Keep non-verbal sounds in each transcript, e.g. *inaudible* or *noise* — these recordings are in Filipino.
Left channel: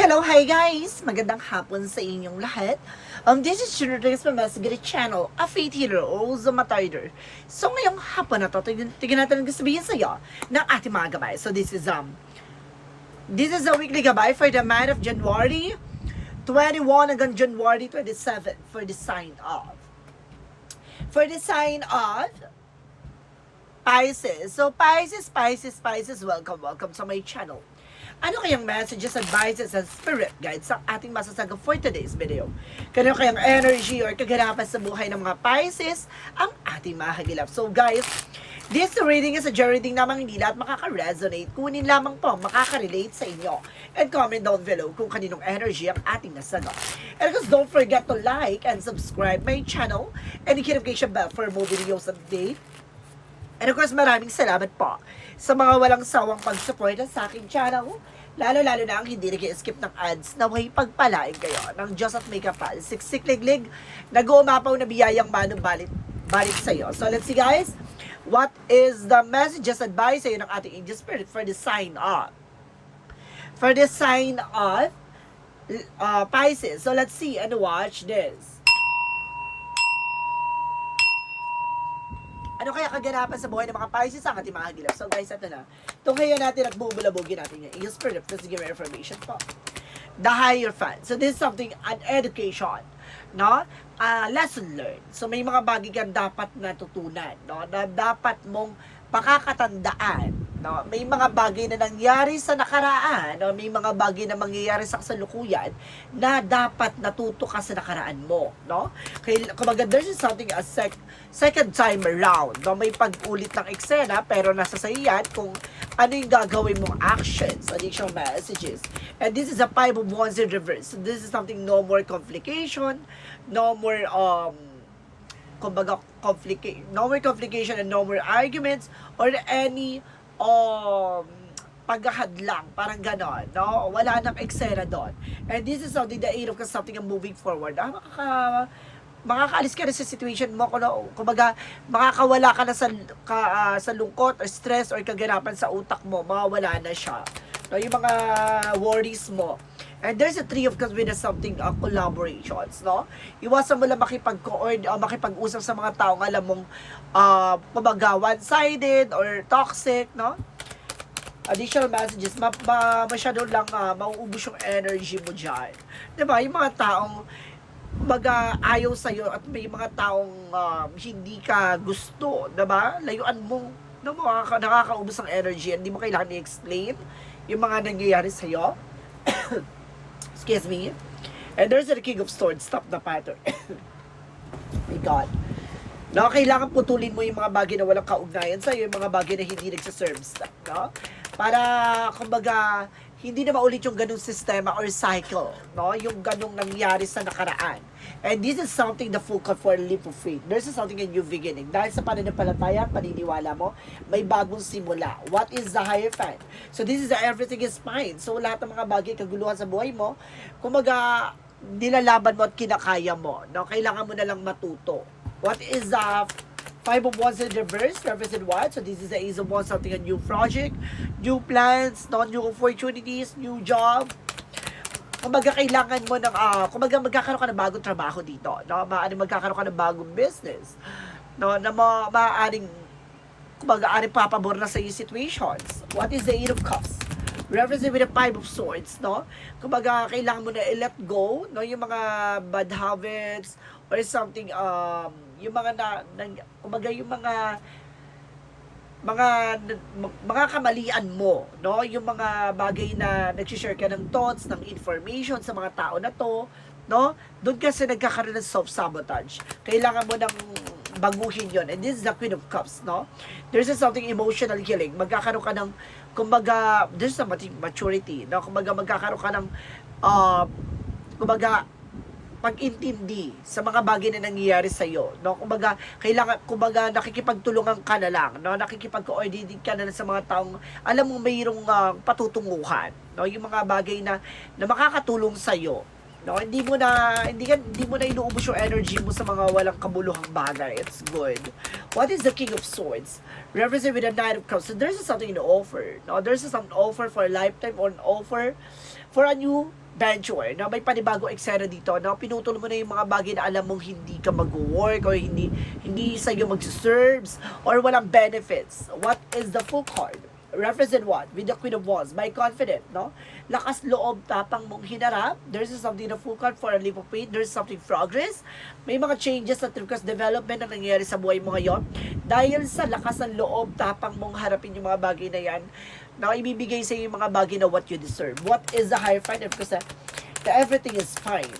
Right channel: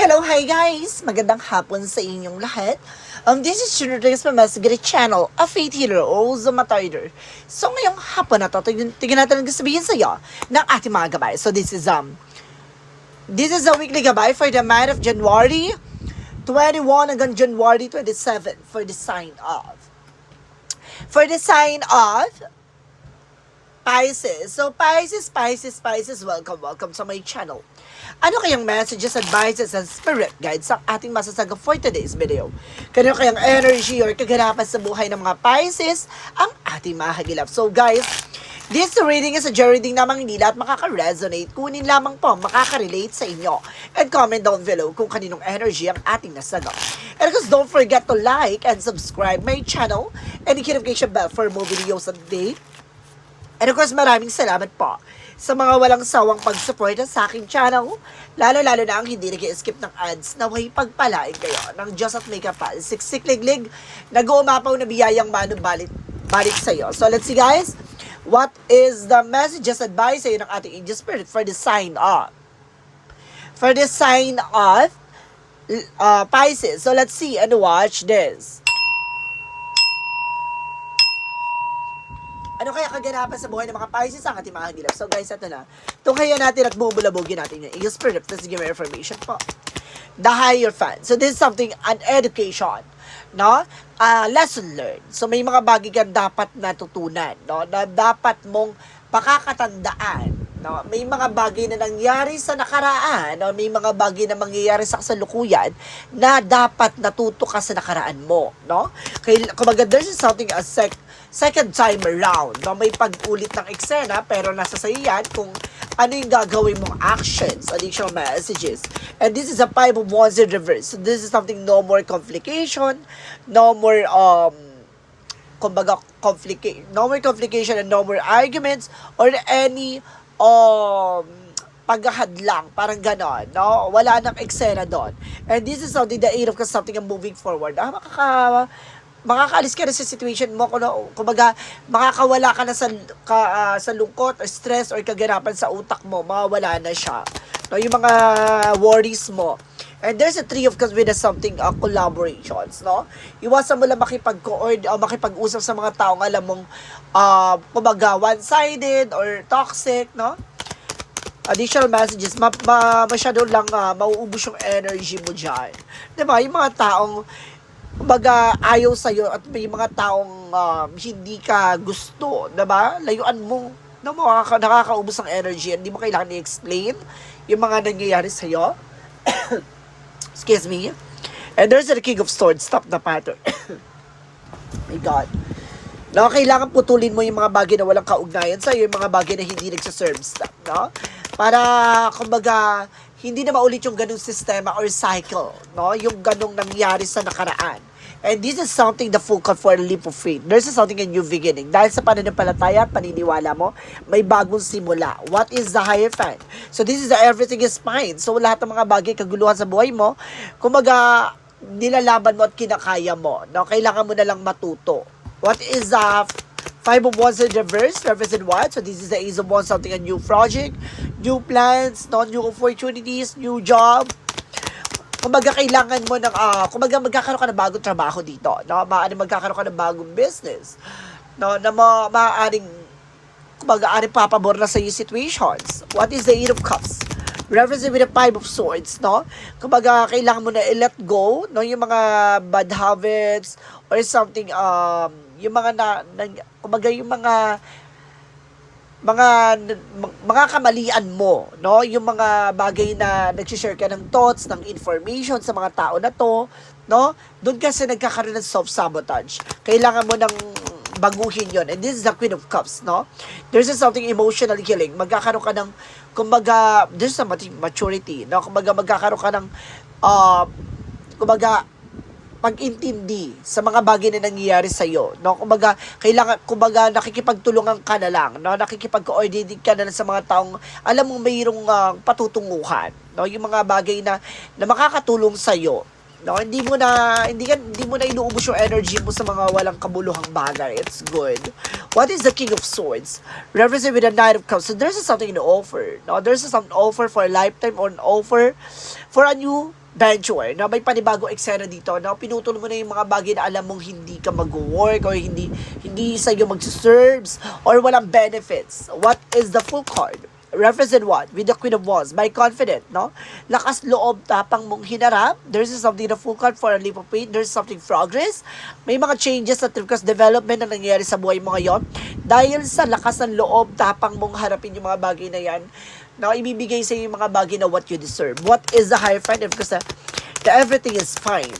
Hello, hi guys! Magandang hapon sa inyong lahat. Um, this is Children's Mamasagiri Channel, a faith healer o Zomatoider. So ngayong hapon na to, tignan natin ang sabihin sa iyo ng ating mga gabay. So this is um, this is a weekly gabay for the month of January 21 hanggang January 27 for the sign of. For the sign of Pisces. So, Pisces, Pisces, Pisces, welcome, welcome sa my channel. Ano kayang messages, advices, and spirit guides ang ating masasaga for today's video? Kano kayang energy or kaganapan sa buhay ng mga Pisces ang ating mahagilap? So, guys, This reading is a journey reading namang hindi lahat makaka-resonate. Kunin lamang po makaka-relate sa inyo. And comment down below kung kaninong energy ang ating nasagot. And of course, don't forget to like and subscribe my channel and the notification bell for more videos update And of course, maraming salamat po sa mga walang sawang pag-support sa aking channel. Lalo-lalo na ang hindi nag-skip ng ads na way pagpalain kayo ng Diyos at may kapal. Siksik-liglig, nag-uumapaw na biyayang mano balik, balik sa'yo. So let's see guys, what is the messages advice sa'yo ng ating angel spirit for the sign of? For the sign of uh, Pisces. So let's see and watch this. Ano kaya kaganapan sa buhay ng mga Pisces ang ating mga hagilap? So guys, ito na. Tunghayan natin at bubulabugin natin yung Angel Spirit. Let's give information po. The higher fan. So this is something, an education. No? Uh, lesson learned. So may mga bagay kang dapat natutunan. No? Na dapat mong pakakatandaan. No? May mga bagay na nangyari sa nakaraan. No? May mga bagay na mangyayari sa kasalukuyan na dapat natuto ka sa nakaraan mo. No? Kaya, kumbaga, there's something as sec second time around. No? May pag-ulit ng eksena, pero nasa sa yan kung ano yung gagawin mong actions, additional messages. And this is a five of wands in reverse. So this is something no more complication, no more um kumbaga complica- no more complication and no more arguments or any um paghahadlang, parang ganon, no? Wala nang eksena doon. And this is something, eight of Cups, something na moving forward. Ah, makaka, makakaalis ka na sa situation mo, kung, kumbaga, makakawala ka na sa, ka, ah, sa lungkot or stress or kaganapan sa utak mo, mawawala na siya. No, yung mga worries mo. And there's a three of cups with a something uh, collaborations, no? Iwasan mo lang makipag-coord o makipag-usap sa mga taong alam mong uh, kumbaga one-sided or toxic, no? Additional messages, ma, ma masyado lang uh, mauubos yung energy mo dyan. Diba? Yung mga taong kumbaga ayaw sa'yo at may mga taong um, hindi ka gusto, diba? Layuan mo. No, makaka, nakakaubos ng energy. Hindi mo kailangan i-explain yung mga nangyayari sa'yo. *coughs* Excuse me. And there's the King of Swords. Stop the pattern. *coughs* My God. No, kailangan putulin mo yung mga bagay na walang kaugnayan sa'yo, yung mga bagay na hindi nagsaserve no? Para, kumbaga, hindi na maulit yung ganung sistema or cycle, no? Yung ganung nangyari sa nakaraan. And this is something the full call for a leap of faith. There's something a new beginning. Dahil sa pananampalataya at paniniwala mo, may bagong simula. What is the higher fan? So this is the everything is fine. So lahat ng mga bagay kaguluhan sa buhay mo, kumaga nilalaban mo at kinakaya mo. No? Kailangan mo na lang matuto. What is the Five of Wands in reverse, represent what? So this is the Ace of Wands, something a new project, new plans, no? new opportunities, new job, kumbaga kailangan mo ng uh, kumbaga magkakaroon ka ng bagong trabaho dito no? Maaaring magkakaroon ka ng bagong business no? Na ma maaaring kumbaga ari papabor na sa iyo situations. What is the eight of cups? Referencing with the five of swords no? Kumbaga kailangan mo na i-let go no? Yung mga bad habits or something um yung mga na, na kumbaga yung mga mga mga kamalian mo, no? Yung mga bagay na nag-share ka ng thoughts, ng information sa mga tao na to, no? Doon kasi nagkakaroon ng self-sabotage. Kailangan mo ng baguhin yon And this is the Queen of Cups, no? There's something emotional healing. Magkakaroon ka ng, kumbaga, there's a maturity, no? Kumbaga, magkakaroon ka ng, uh, kumbaga, pag-intindi sa mga bagay na nangyayari sa iyo, no? Kumbaga, kailangan kumbaga nakikipagtulungan ka na lang, no? Nakikipag-coordinate ka na lang sa mga taong alam mo mayroong uh, patutunguhan, no? Yung mga bagay na na makakatulong sa iyo, no? Hindi mo na hindi ka, hindi mo na inuubos yung energy mo sa mga walang kabuluhang bagay. It's good. What is the King of Swords? Represent with the Knight of Cups. So there's something to offer, no? There's some offer for a lifetime or an offer for a new venture, no? May panibago eksena dito, no? Pinutol mo na yung mga bagay na alam mong hindi ka mag-work or hindi hindi sa iyo mag-serves or walang benefits. What is the full card? Represent what? With the Queen of Wands. By confident, no? Lakas loob, tapang mong hinarap. There's something the full card for a leap of faith. There's something progress. May mga changes at because development na nangyayari sa buhay mo ngayon. Dahil sa lakas ng loob, tapang mong harapin yung mga bagay na yan, na ibibigay sa iyo yung mga bagay na what you deserve. What is the higher find? Because uh, the everything is fine.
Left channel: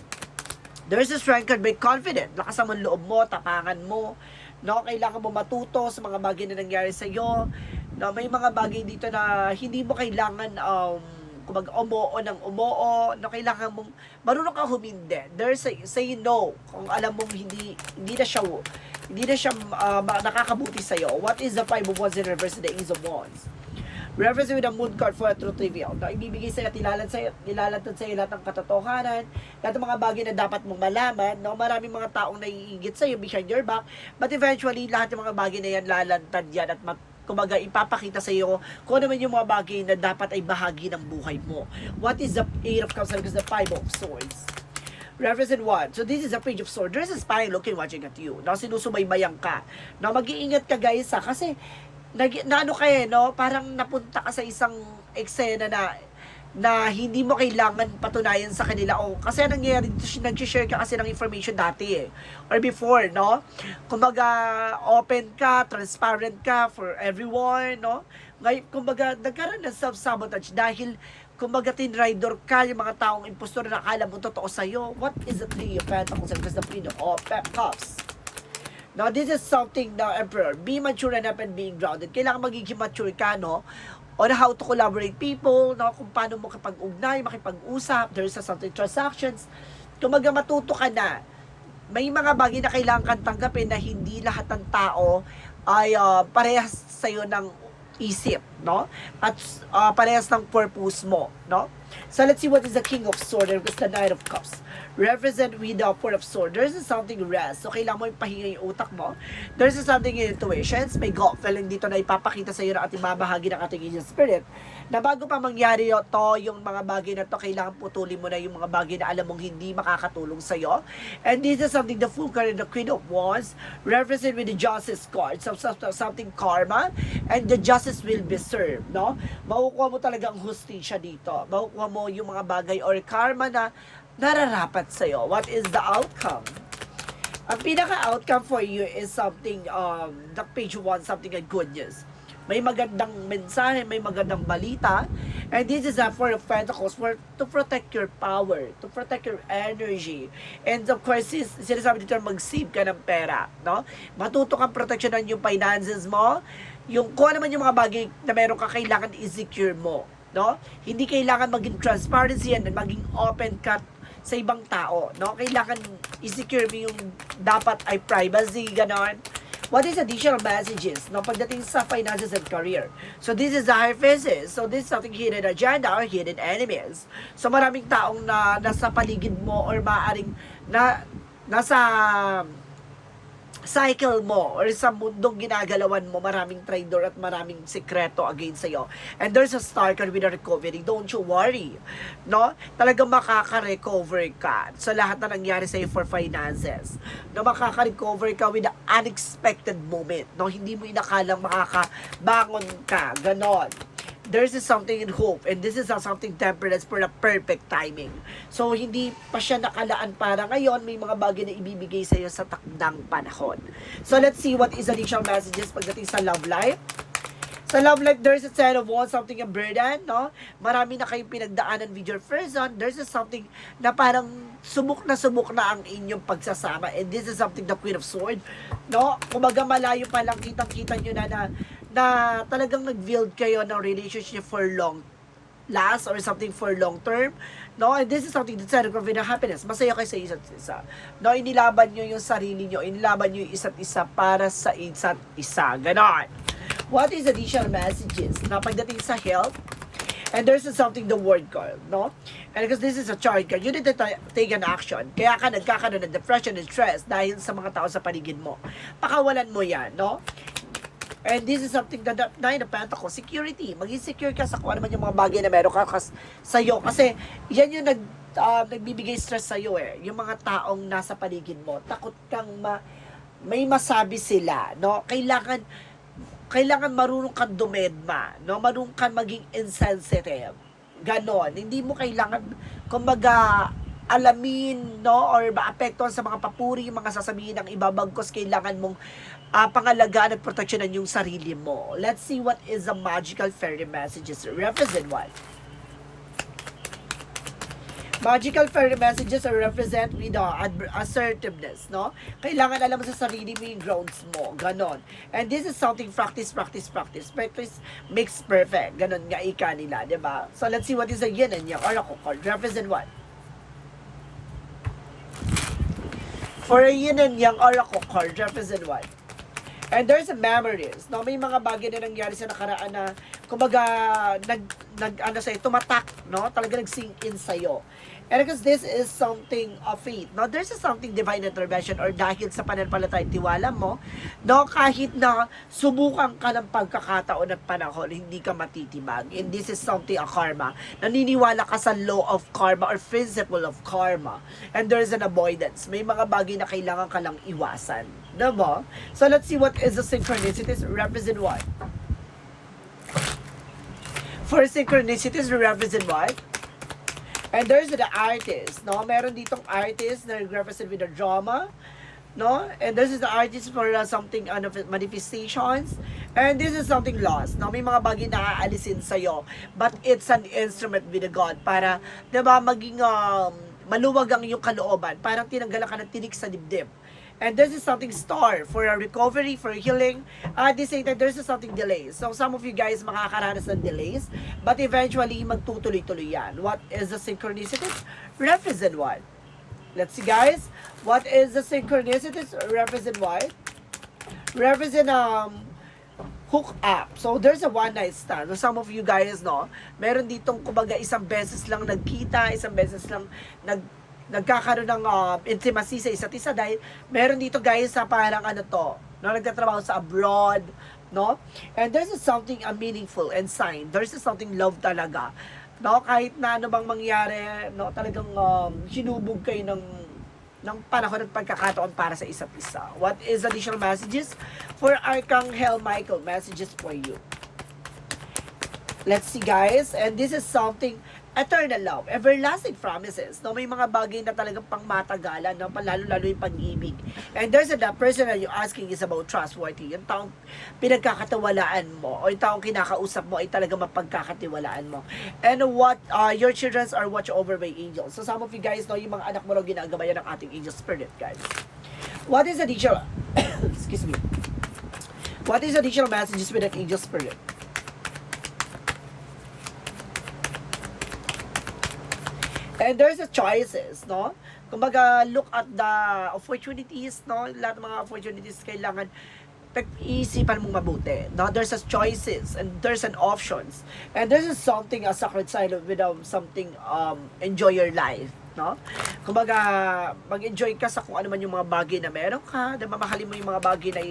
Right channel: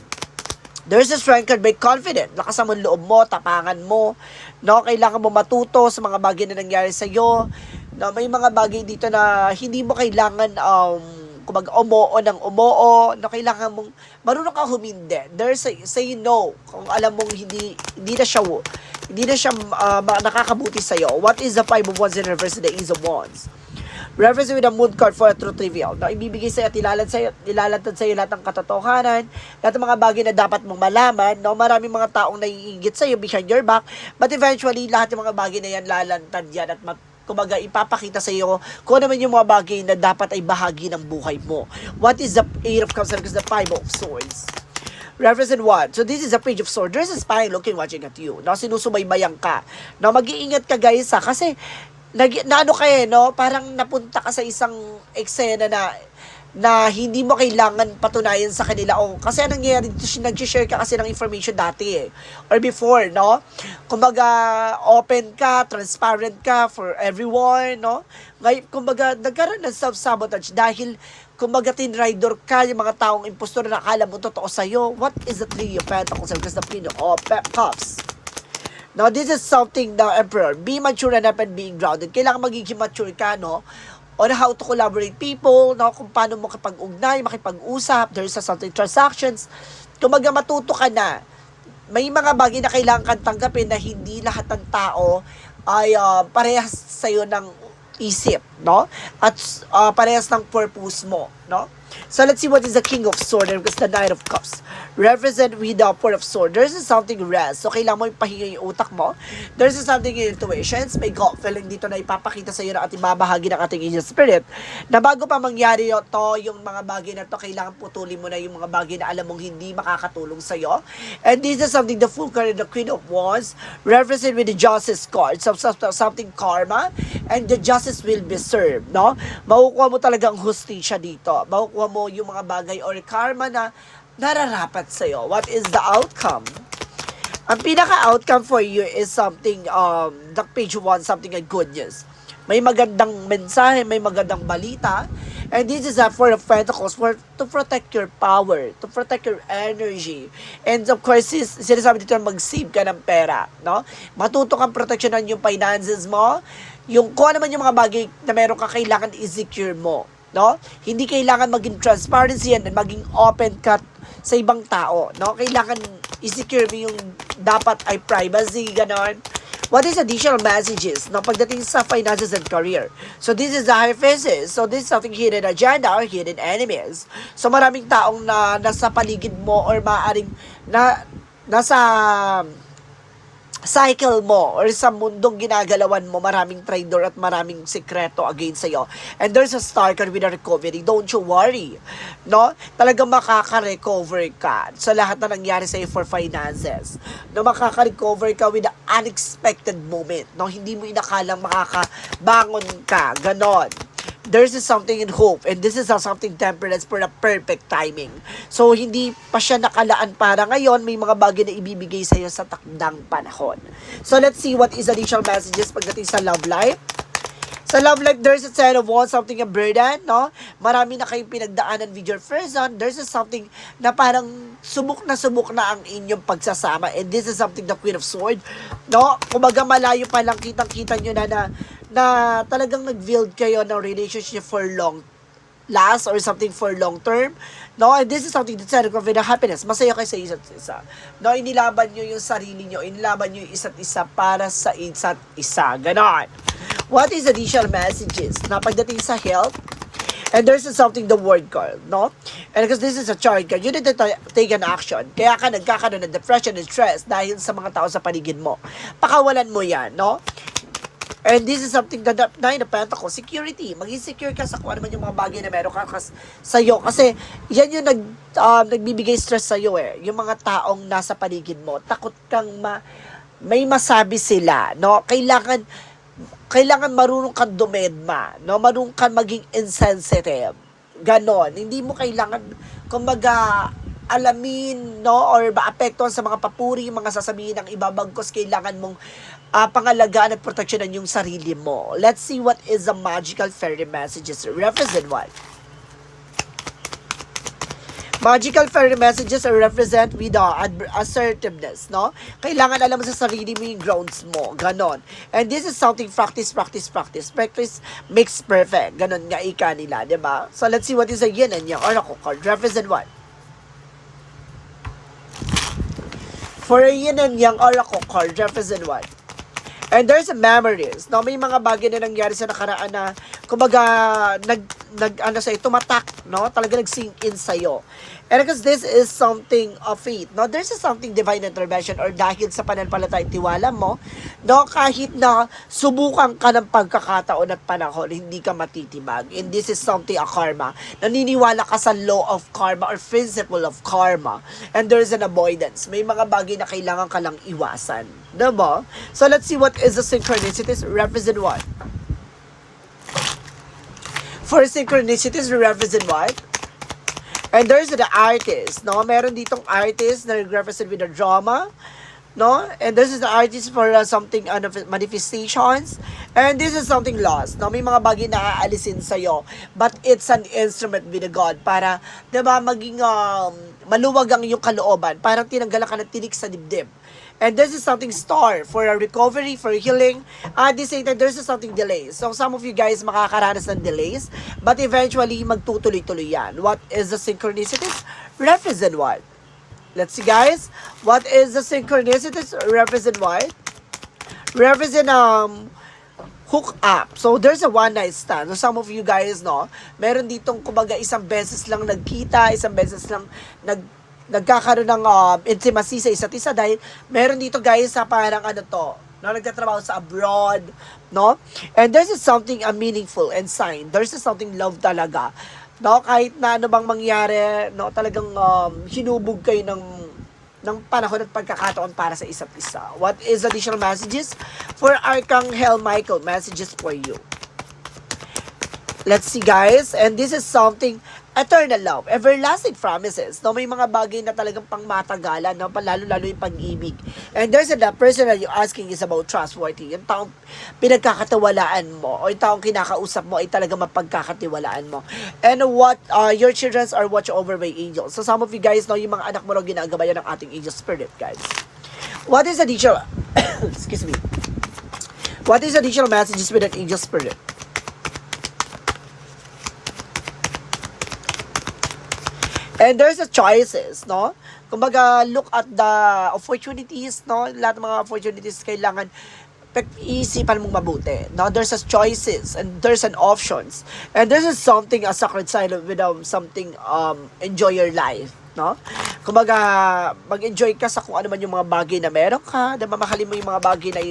There's a strength card by confident. Lakas ang loob mo, tapangan mo. No, kailangan mo matuto sa mga bagay na nangyari sa iyo. No, may mga bagay dito na hindi mo kailangan um kumbaga umoo ng umoo, no kailangan mong marunong ka humindi. There's a, say no kung alam mong hindi hindi na siya hindi na siya ma- nakakabuti sa iyo. What is the five of wands in reverse the ace of wands? Reference with a mood card for a truth reveal. No, ibibigay sa'yo at ilalad sa'yo, ilalantad sa'yo lahat ng katotohanan, lahat ng mga bagay na dapat mong malaman. No, maraming mga taong naiingit sa'yo behind your back, but eventually, lahat ng mga bagay na yan, lalantad yan at mat, kumbaga ipapakita sa iyo kung ano man yung mga bagay na dapat ay bahagi ng buhay mo. What is the Eight of Cups and the Five of Swords? Represent one. So this is a page of swords. There's a spy looking watching at you. No, sinusubaybayan ka. No, mag-iingat ka guys ha. Kasi, nag, na ano kayo, no? Parang napunta ka sa isang eksena na na hindi mo kailangan patunayan sa kanila. O kasi anong nangyayari dito nag-share ka kasi ng information dati eh. Or before no? Kumbaga open ka transparent ka for everyone no? Ngayon kumbaga nagkaroon ng self-sabotage dahil kumbaga tinrider ka yung mga taong impostor na akala mo totoo sa'yo. What is the three of pentacles because the queen of cups Now, this is something the Emperor. Be mature enough and being grounded. Kailangan magiging mature ka, no? On how to collaborate people, no? Kung paano mo kapag-ugnay, makipag-usap, there's a something transactions. Kung maga matuto ka na, may mga bagay na kailangan kang tanggapin na hindi lahat ng tao ay ah, parehas sa'yo ng isip, no? At ah, parehas ng purpose mo, no? So let's see what is the King of Swords because the Knight of Cups represent with the Four of Swords. There's something rest. So kailangan mo ipahinga yung utak mo. There's something in intuitions. May gut feeling dito na ipapakita sa iyo na ating mabahagi ng ating angel spirit na bago pa mangyari to, yung mga bagay na to, kailangan putulin mo na yung mga bagay na alam mong hindi makakatulong sa iyo. And this is something the Full card the Queen of Wands represent with the Justice card. So- something karma and the justice will be served, no? Makukuha mo talagang hustisya dito. Makukuha mo yung mga bagay or karma na nararapat sa'yo. What is the outcome? Ang pinaka-outcome for you is something, um, the page one, something like good news. May magandang mensahe, may magandang balita. And this is a Four of Pentacles for to protect your power, to protect your energy. And of course, sis, sinasabi dito na mag-save ka ng pera, no? Matuto kang proteksyonan yung finances mo, yung kung ano man yung mga bagay na meron ka kailangan i-secure mo, no? Hindi kailangan maging transparency and maging open ka sa ibang tao, no? Kailangan i-secure mo yung dapat ay privacy, ganon. What is additional messages no, pagdating sa finances and career? So this is the high faces. So this is something hidden agenda or hidden enemies. So maraming taong na nasa paligid mo or maaaring na nasa cycle mo or sa mundong ginagalawan mo, maraming traitor at maraming sekreto against sa'yo. And there's a star card with a recovery. Don't you worry. No? Talagang makaka-recover ka sa lahat na nangyari sa'yo for finances. No, makaka-recover ka with the unexpected moment. No? Hindi mo inakalang makakabangon ka. Ganon there's is something in hope and this is a something that's for the perfect timing. So, hindi pa siya nakalaan para ngayon, may mga bagay na ibibigay sa iyo sa takdang panahon. So, let's see what is additional messages pagdating sa love life. Sa love life, there's a sign of want something a burden, no? Marami na kayong pinagdaanan with your person. There's a something na parang subok na subok na ang inyong pagsasama. And this is something the Queen of Swords, no? Kumaga malayo pa lang kitang-kita nyo na na, na talagang nag-build kayo ng relationship for long last or something for long term. No, and this is something that's a the happiness. Masaya kayo sa isa't isa. No, inilaban nyo yung sarili nyo, inilaban nyo yung isa't isa para sa isa't isa. Ganon. What is additional messages? Na pagdating sa health, and there's something the word card, no? And because this is a chart card, you need to ta- take an action. Kaya ka nagkakaroon ng depression and stress dahil sa mga tao sa paligid mo. Pakawalan mo yan, no? And this is something that nine of pentacles, security. Maging secure ka sa kung ano man yung mga bagay na meron ka kas, sa'yo. Kasi yan yung nag, um, nagbibigay stress sa'yo eh. Yung mga taong nasa paligid mo. Takot kang ma, may masabi sila. No? Kailangan, kailangan marunong kang dumedma. No? Marunong kang maging insensitive. Ganon. Hindi mo kailangan, kumbaga, alamin, no, or maapektuhan sa mga papuri, mga sasabihin ng iba, bagkos kailangan mong ah, pangalagaan at proteksyonan yung sarili mo. Let's see what is the magical fairy messages. Represent what? Magical fairy messages are represent with the adver- assertiveness, no? Kailangan alam mo sa sarili mo yung grounds mo. Ganon. And this is something practice, practice, practice. Practice makes perfect. Ganon nga ika nila, di ba? So let's see what is a yin and yang oracle card. Represent what? For a yin and yang oracle card, represent what? And there's a memories. No, may mga bagay na nangyari sa nakaraan na kumbaga nag nag ano sa tumatak, no? Talaga nag-sink in sa And because this is something of faith, no? There's a something divine intervention or dahil sa pananampalataya at tiwala mo, no? Kahit na subukan ka ng pagkakataon at panahon, hindi ka matitibag. And this is something a karma. Naniniwala ka sa law of karma or principle of karma. And there's an avoidance. May mga bagay na kailangan ka lang iwasan. Diba? So let's see what is the synchronicities represent what? For synchronicities represent what? And there's the artist, no? Meron ditong artist na represent with the drama, no? And this is the artist for uh, something ano, manifestations. And this is something lost, no? May mga bagay na aalisin sa'yo. But it's an instrument with the God para, di ba, maging um, maluwag ang iyong kalooban. Parang tinanggalan ka ng tinik sa dibdib. And this is something star for a recovery, for healing. At the same time, there's something delays. So some of you guys makakaranas ng delays, but eventually magtutuloy-tuloy yan. What is the synchronicities? Represent what? Let's see guys. What is the synchronicities? Represent what? Represent um hook up. So there's a one night stand. So some of you guys, no, meron ditong kumbaga isang beses lang nagkita, isang beses lang nag nagkakaroon ng um, intimacy sa isa't isa dahil meron dito guys sa parang ano to, no, nagtatrabaho sa abroad, no? And this is something a meaningful and sign. There's something love talaga. No, kahit na ano bang mangyari, no, talagang um, hinubog kayo ng ng panahon at pagkakataon para sa isa't isa. What is additional messages? For Archangel Michael, messages for you. Let's see guys, and this is something eternal love, everlasting promises. No, may mga bagay na talagang pangmatagalan, no, lalo-lalo yung pag-ibig. And there's the person that you're asking is about trustworthy. Yung taong pinagkakatiwalaan mo, o yung taong kinakausap mo ay talagang mapagkakatiwalaan mo. And what uh, your children are watched over by angels. So some of you guys know, yung mga anak mo raw ginagabayan ng ating angel spirit, guys. What is additional, *coughs* excuse me, what is additional messages with an angel spirit? And there's a choices, no? Kumbaga, look at the opportunities, no? Lahat ng mga opportunities kailangan pag-iisipan mong mabuti. No? There's a choices and there's an options. And this is something, a sacred side um, something, um, enjoy your life. No? Kumbaga, mag-enjoy ka sa kung ano man yung mga bagay na meron ka, na mamahalin mo yung mga bagay na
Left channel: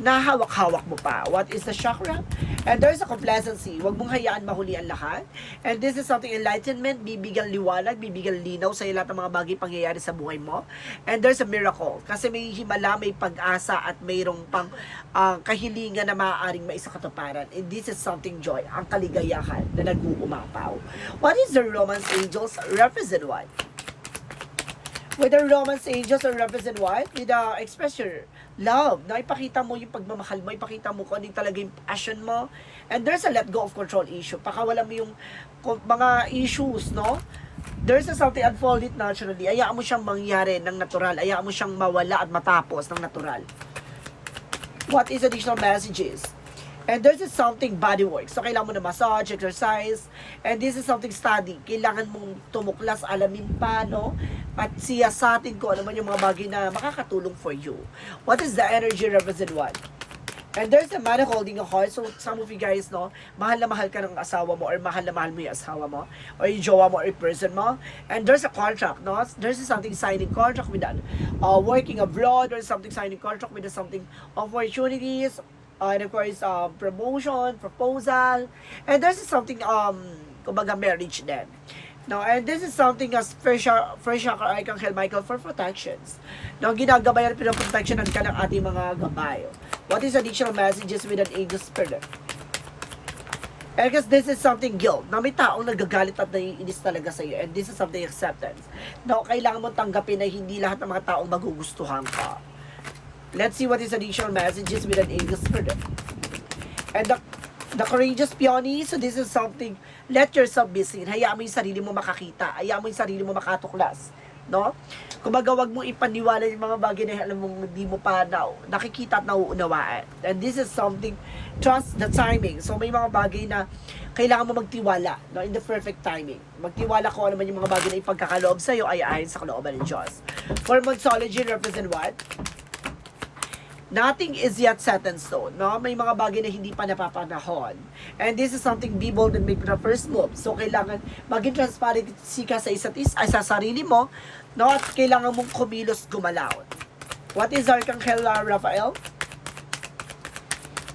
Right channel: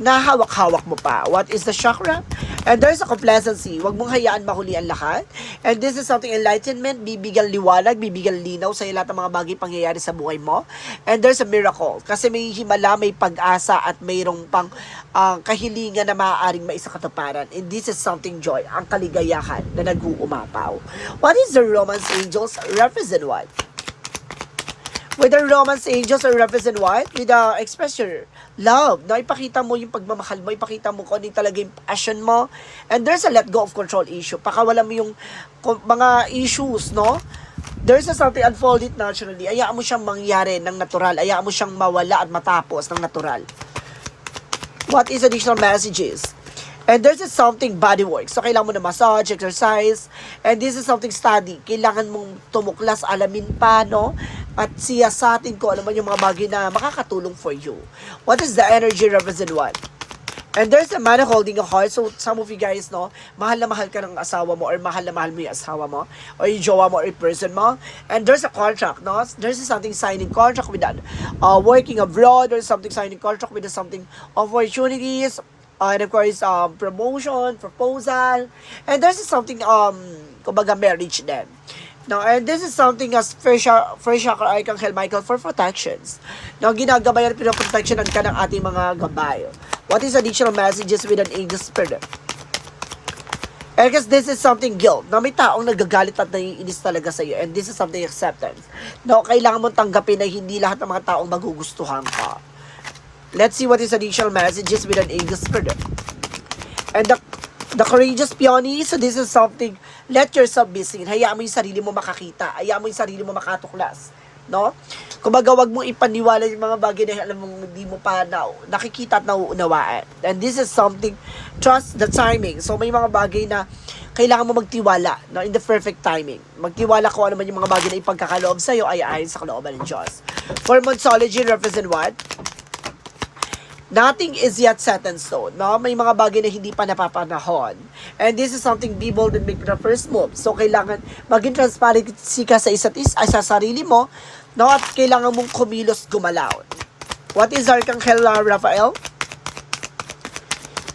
nahawak-hawak mo pa. What is the chakra? And there's a complacency. Huwag mong hayaan mahuli ang lahat. And this is something enlightenment, bibigyan liwanag, bibigyan linaw sa lahat ng mga bagay pangyayari sa buhay mo. And there's a miracle. Kasi may himala, may pag-asa at mayroong pang ah, kahilingan na maaaring maisakatuparan. And this is something joy, ang kaligayahan na nag-uumapaw. What is the Romance Angels represent what? The Romance Angels are represent what? With the expression love. Na ipakita mo yung pagmamahal mo, ipakita mo kung ano talaga yung passion mo. And there's a let go of control issue. Pakawala mo yung mga issues, no? There's a something unfold it naturally. Ayaan mo siyang mangyari ng natural. Ayaan mo siyang mawala at matapos ng natural. What is additional messages? And there's is something body work. So, kailangan mo na massage, exercise. And this is something study. Kailangan mong tumuklas, alamin pa, no? At siyasatin ko, alam mo yung mga bagay na makakatulong for you. What is the energy represent what? And there's a man holding a heart. So, some of you guys, no, mahal na mahal ka ng asawa mo or mahal na mahal mo yung asawa mo or yung jowa mo or yung person mo. And there's a contract, no? There's something signing contract with that. Uh, working abroad or something signing contract with something opportunities, and of course, um, promotion, proposal, and there's something, um, kumbaga marriage din. No, and this is something as first first chakra Archangel Michael for protections. No, ginagabayan at pinoprotectionan ka ng ating mga gabay. What is additional messages with an angel spirit? And because this is something guilt, na may taong nagagalit at naiinis talaga sa iyo. And this is something acceptance. No, kailangan mo tanggapin na hindi lahat ng mga taong magugustuhan ka. Let's see what is additional messages with an angel spirit. And the, the courageous peony, so this is something, let yourself be seen. Hayaan mo yung sarili mo makakita. Hayaan mo yung sarili mo makatuklas. No? Kumbaga, wag mong ipaniwala yung mga bagay na alam mong hindi mo pa na, nakikita at nauunawaan. And this is something, trust the timing. So, may mga bagay na kailangan mo magtiwala no, in the perfect timing. Magtiwala kung ano man yung mga bagay na ipagkakaloob sa'yo ay ayon sa kalooban ng Diyos. For Monsology, represent what? Nothing is yet set in stone. No? May mga bagay na hindi pa napapanahon. And this is something be bold and make the first move. So, kailangan maging transparency ka sa isa't isa, ay sa sarili mo, no? At kailangan mong kumilos gumalaw. What is Archangel Raphael?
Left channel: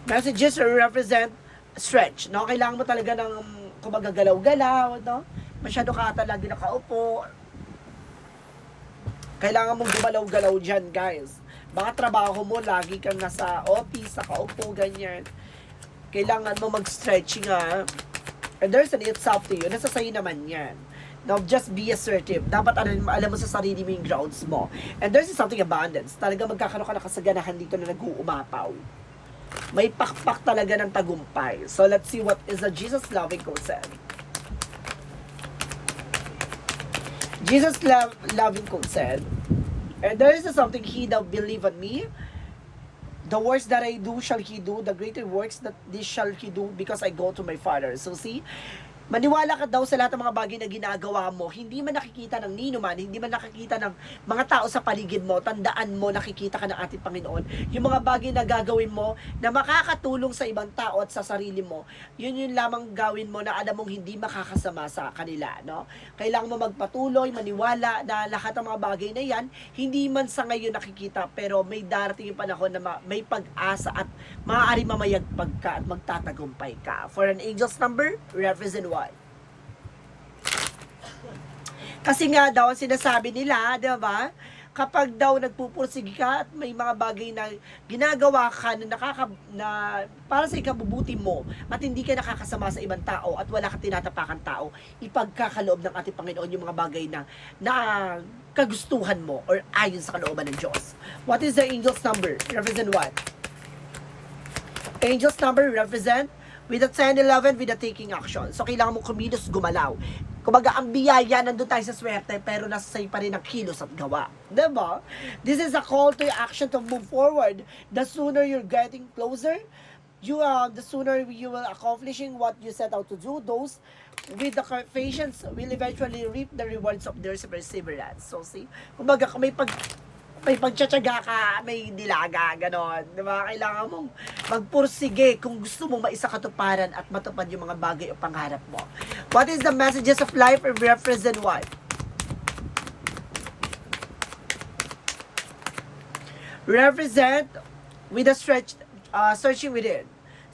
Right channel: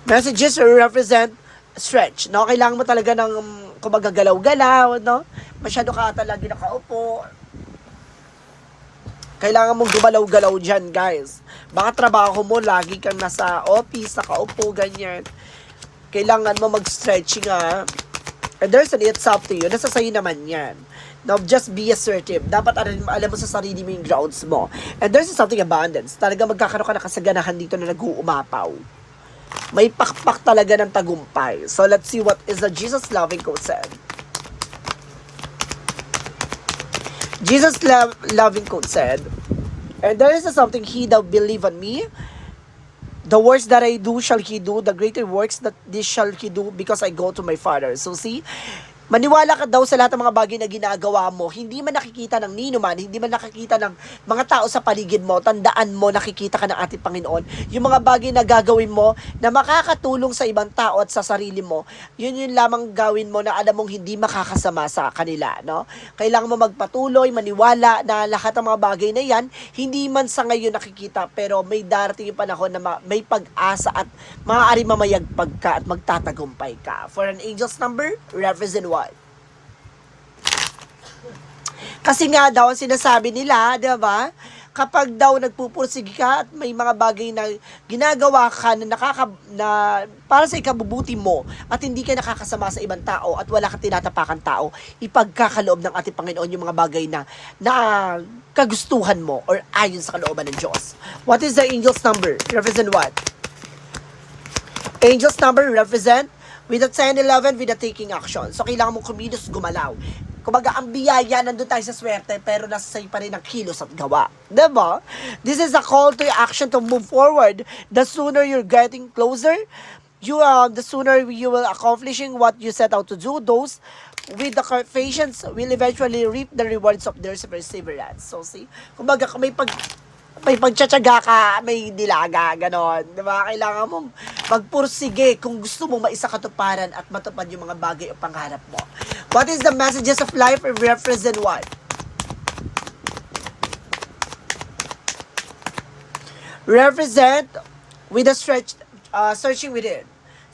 Messages represent stretch, no? Kailangan mo talaga ng kumbaga galaw-galaw, no? Masyado ka ata lagi nakaupo. Kailangan mong gumalaw-galaw dyan, guys. Baka trabaho mo, lagi kang nasa office, nakaupo, ganyan. Kailangan mo mag-stretch nga. And there's an it's up to you. Nasa sa'yo naman yan. Now, just be assertive. Dapat alam, alam mo sa sarili mo yung grounds mo. And there's something abundance. Talaga magkakaroon ka na kasaganahan dito na nag-uumapaw. May pakpak talaga ng tagumpay. So, let's see what is the Jesus loving quote said. Jesus love, loving quote said, And there is something he that believe on me, the works that I do shall he do, the greater works that this shall he do because I go to my Father. So see, maniwala ka daw sa lahat ng mga bagay na ginagawa mo, hindi man nakikita ng nino man, hindi man nakikita ng mga tao sa paligid mo, tandaan mo, nakikita ka ng ating Panginoon. Yung mga bagay na gagawin mo na makakatulong sa ibang tao at sa sarili mo, yun yun lamang gawin mo na alam mong hindi makakasama sa kanila. No? Kailangan mo magpatuloy, maniwala na lahat ng mga bagay na yan, hindi man sa ngayon nakikita, pero may darating yung panahon na ma- may pag-asa at maaari mamayagpag ka at magtatagumpay ka. For an angel's number, represent what? Kasi nga daw, sinasabi nila, di ba? Kapag daw nagpupursige ka at may mga bagay na ginagawa ka na nakaka na para sa ikabubuti mo at hindi ka nakakasama sa ibang tao at wala kang tinatapakan tao, ipagkakaloob ng ating Panginoon yung mga bagay na na kagustuhan mo or ayon sa kalooban ng Diyos. What is the angel's number? Represent what? Angel's number represent with the 10, 11, with the taking action. So, kailangan mo kumilos, gumalaw. Kumbaga, ang biyaya, nandun tayo sa swerte, pero nasa sa'yo pa rin ang kilos at gawa. Diba? This is a call to action to move forward. The sooner you're getting closer, you uh, the sooner you will accomplishing what you set out to do. Those with the patience will eventually reap the rewards of their perseverance. So, see? Kumbaga, kung may pag may pagtsatsaga ka, may dilaga, ganon. Di ba? Kailangan mong magpursige kung gusto mo maisakatuparan at matupad yung mga bagay o pangarap mo. What is the messages of life and represent what? Represent with a stretch, uh, searching within.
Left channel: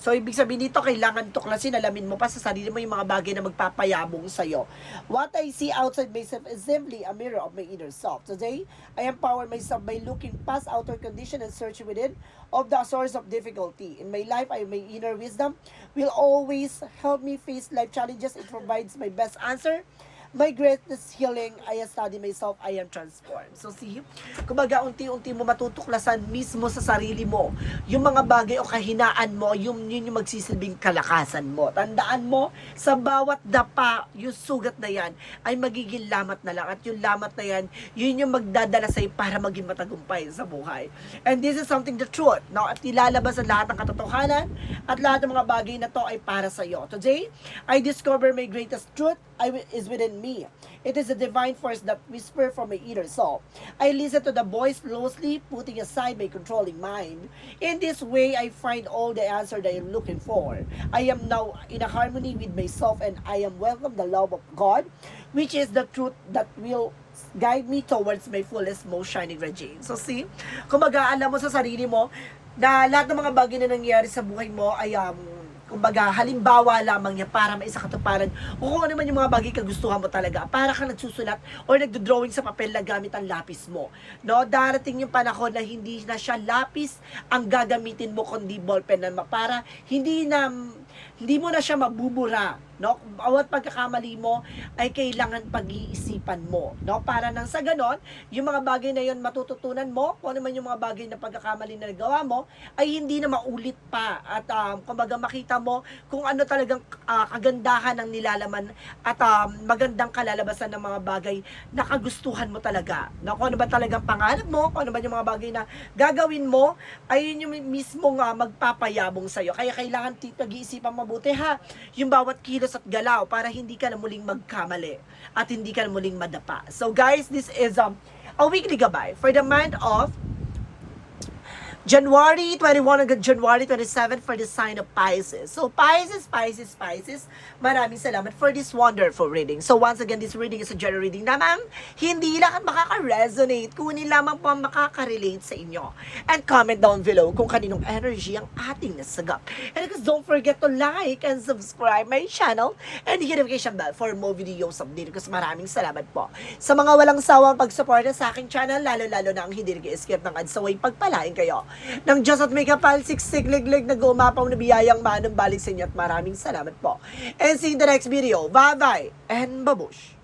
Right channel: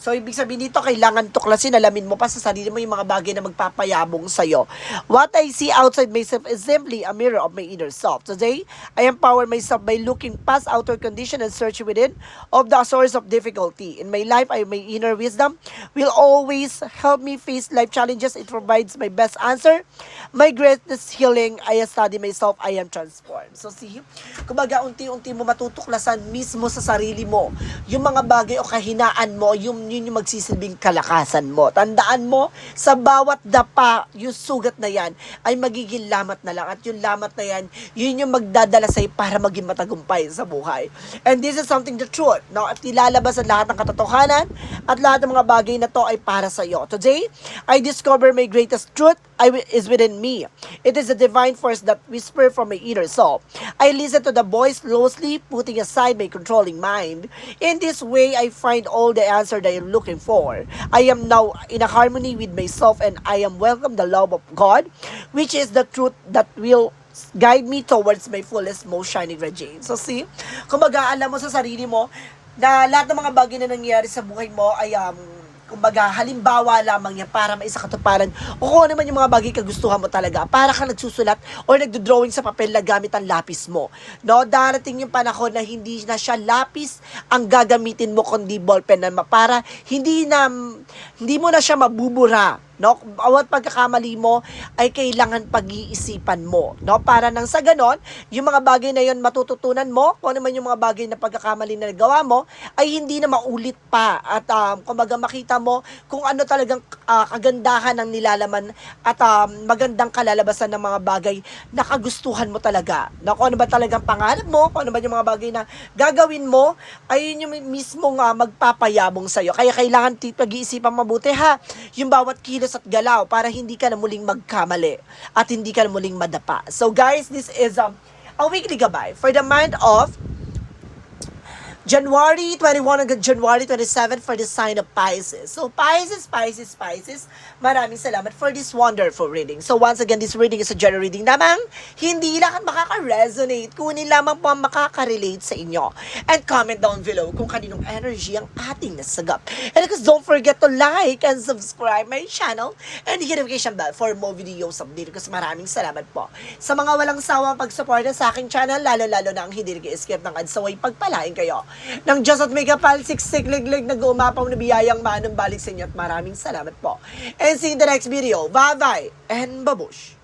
So, ibig sabihin dito, kailangan tuklasin, alamin mo pa sa sarili mo yung mga bagay na magpapayabong sa'yo. What I see outside myself is simply a mirror of my inner self. Today, I empower myself by looking past outer condition and searching within of the source of difficulty. In my life, I my inner wisdom will always help me face life challenges. It provides my best answer. My greatest healing, I study myself, I am transformed. So see, kumbaga unti-unti mo matutuklasan mismo sa sarili mo yung mga bagay o kahinaan mo, yung yun yung magsisilbing kalakasan mo. Tandaan mo, sa bawat dapa, yung sugat na yan, ay magiging lamat na lang. At yung lamat na yan, yun yung magdadala sa'yo para maging matagumpay sa buhay. And this is something the truth. No? At ilalabas ang lahat ng katotohanan at lahat ng mga bagay na to ay para sa'yo. Today, I discover my greatest truth I is within me. It is a divine force that whisper from my inner soul. I listen to the voice closely, putting aside my controlling mind. In this way, I find all the answer that I'm looking for. I am now in a harmony with myself and I am welcome the love of God, which is the truth that will guide me towards my fullest, most shining regime. So see, kumbaga alam mo sa sarili mo, na lahat ng mga bagay na nangyayari sa buhay mo ay um, kumbaga, halimbawa lamang yan para maisa katuparan o kung ano man yung mga bagay kagustuhan mo talaga para ka nagsusulat or nagdo-drawing sa papel na gamit ang lapis mo. No, darating yung panahon na hindi na siya lapis ang gagamitin mo kundi ballpen na para hindi na hindi mo na siya mabubura. No, bawat pagkakamali mo ay kailangan pag-iisipan mo, no? Para nang sa ganon, yung mga bagay na yon matututunan mo, kung ano man yung mga bagay na pagkakamali na nagawa mo, ay hindi na maulit pa. At um, kumbaga makita mo kung ano talagang ah, kagandahan ng nilalaman at um, magandang kalalabasan ng mga bagay na kagustuhan mo talaga. No? Kung ano ba talagang pangarap mo, kung ano ba yung mga bagay na gagawin mo, ay yun yung mismo nga magpapayabong sa'yo. Kaya kailangan pag-iisipan mabuti ha, yung bawat kilos at galaw para hindi ka na muling magkamali at hindi ka na muling madapa. So guys, this is um, a weekly gabay for the month of January 21 hanggang January 27 for the sign of Pisces. So, Pisces, Pisces, Pisces, maraming salamat for this wonderful reading. So, once again, this reading is a general reading namang hindi lang makaka-resonate, kunin lamang po ang makaka-relate sa inyo. And comment down below kung kaninong energy ang ating nasagap. And of course, don't forget to like and subscribe my channel and hit the notification bell for more videos update. Kasi maraming salamat po. Sa mga walang sawang pagsuporta sa aking channel, lalo-lalo na ang hindi nag-skip ng ads, so ay pagpalain kayo ng Diyos at may kapal, siksik, liglig, nag-uumapaw na biyayang manong balik sa inyo at maraming salamat po. And see you in the next video. Bye-bye and babush!